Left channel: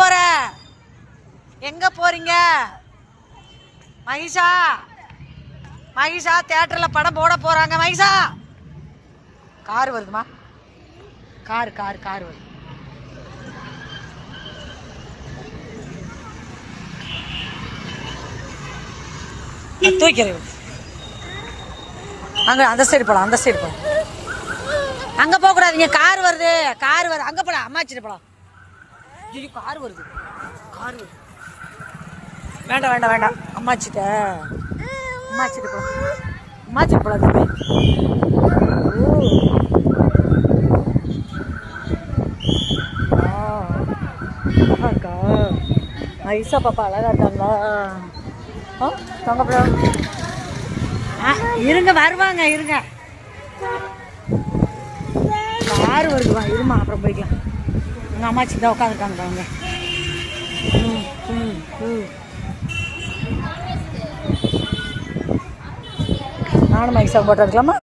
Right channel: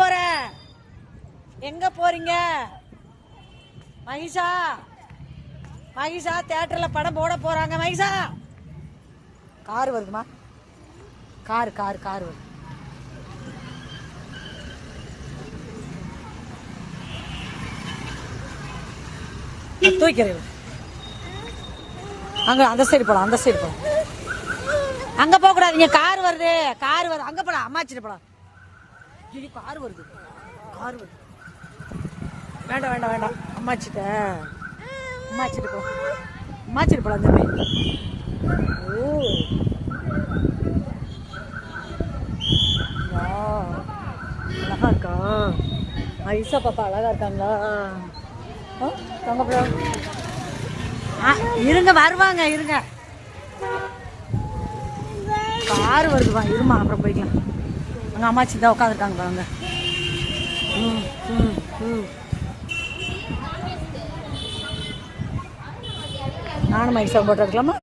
போற? எங்க போறீங்க? மகிஷா மகிஷா தியேட்டர்ல படம் போட போறாங்க. மகிஷா கார் வருதுமா, கார் கார் கார் வருது. தூக்கிறேன். அங்க அந்த சைடு போலாம், அந்த சைடு போலாம். அங்க போக கூடாதீங்க, கார் வருது, கார் வருது. அங்க போலாம், அம்மாச்சிட்டு போலாம். ஐயோ கார் வருது, கார் வருது. வேண்டாம் வேண்டாம் வேண்டாம், அம்மாச்சிட்ட அம்மாச்சிட்டு போலாம், அம்மாச்சிட்டு போலாம். தம்பி அழகா இருக்கா? ஐசா பாப்பா அழகா இருக்காங்களா? இருங்க வருவாங்க, இருங்க. கார் வருதுவா, இருமா அப்புறம் போய்க்கலாம். அங்கே அம்மாச்சி தான் உட்காந்துருக்காங்க பாருங்க. நானும் மைசா போட்டு இருக்கலாமா?